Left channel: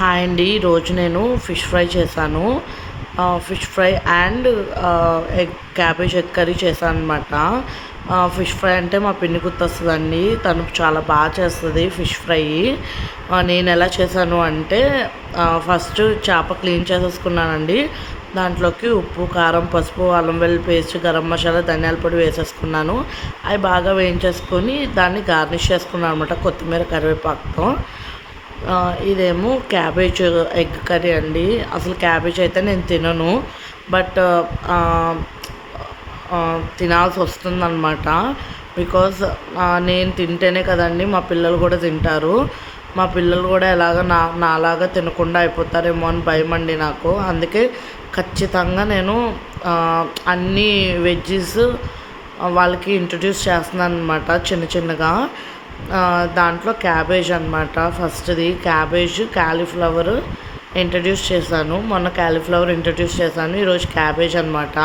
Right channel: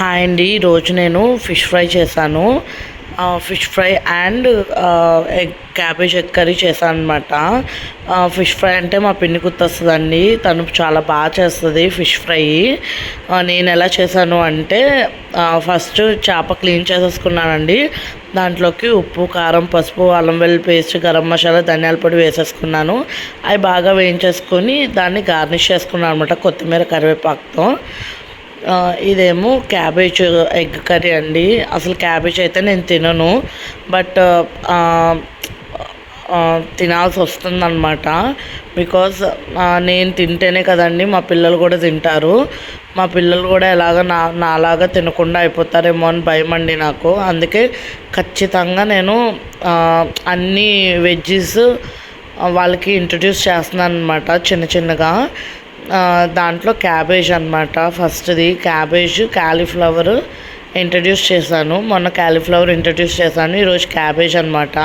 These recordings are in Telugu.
హాయ్ అండి. ఈరోజు నేను ఫిష్ ఫ్రై చేశాను. Fish fry and cabbage egg curry చేశాను అనమాట. ఫిష్ ఫ్రై అంటే మా పిన్ని గుర్తొస్తుందండి. తను చాలా బాగా చేస్తుంది ఫిష్ ఫ్రై. నేను ఎలా చేశాను అంటే ఫస్ట్ చేప క్లీన్ చేసేసుకున్నానండి. దాంట్లోకి ఉప్పు, కారం, పసుపు, అల్లం వెల్లుల్లి పేస్ట్, గరం మసాలా, ధనియాల పొడి వేసేసుకున్నాను. అవి బాగా వేయించేసుకొని దాన్ని గార్నిష్ చేసుకున్నాను అనమాట కొత్తిమీర, కరివేపాకుతో. ఇదేమో క్యాబేజ్ ఎగ్ కర్రీ అండి. అసలు క్యాబేజ్ అయితే నేను తినను, బట్ తినాల్సి వస్తుందన్నమాట. బికాజ్ నేను తింటేనే కదండి మా పిల్లలు కూడా తింటారు. మా పిల్లలు కూడా నాలాగా తినకుండా అయిపోతారేమో అని భయం అండి నాకు. అందుకే ఖచ్చితంగా నేను అన్ని వెజ్జీస్ వాళ్ళకి ఇంట్రడ్యూస్ చేస్తున్నాను అనమాట చిన్న చిన్నగా. దాంట్లో క్యాబేజ్ అనమాట. ఫస్ట్ది క్యాబేజ్, కాలీఫ్లవర్ ఇంట్రడ్యూస్ చేశాను. మొన్న కాలీఫ్లవర్ ఇంట్రడ్యూస్ చేశాను, ఈరోజు క్యాబేజ్ అనమాట.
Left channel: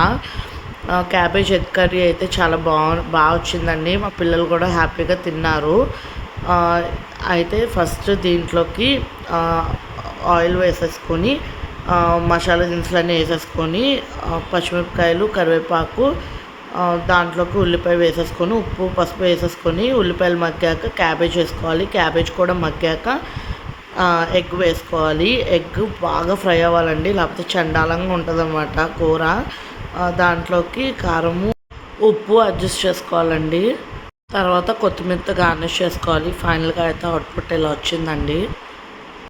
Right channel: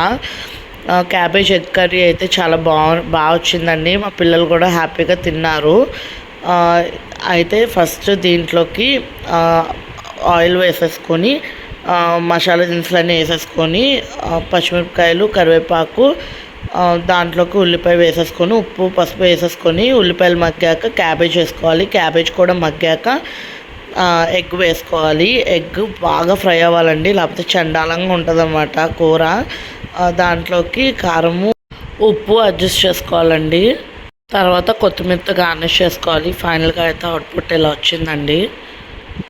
క్యాబేజ్ ఎగ్ కర్రీ అయితే చాలా బాగా వచ్చిందండి. మా పిల్లలు కూడా హ్యాపీగా తిన్నారు. అయితే ఫస్ట్ దీంట్లోకి ఆయిల్ వేసేసుకొని మసాలా దినుసులన్నీ వేసేసుకొని పచ్చిమిరపకాయలు, కరివేపాకు, దాంట్లోకి ఉల్లిపాయ వేసేసుకొని ఉప్పు, పసుపు వేసేసుకొని ఉల్లిపాయలు మగ్గాక క్యాబేజ్ వేసుకోవాలి. క్యాబేజ్ కూడా మగ్గాక ఎగ్ వేసుకోవాలి. ఎగ్ బాగా ఫ్రై అవ్వాలండి, లేకపోతే చండాలంగా ఉంటుందన్నమాట కూర. దాంట్లోకి కారము, ఉప్పు అడ్జస్ట్ చేసుకోవాలండి. తర్వాత కొత్తిమీరతో గార్నిష్ చేసుకోవాలి. ఫైనల్గా అయితే అవుట్పుట్ ఇలా వచ్చిందండి.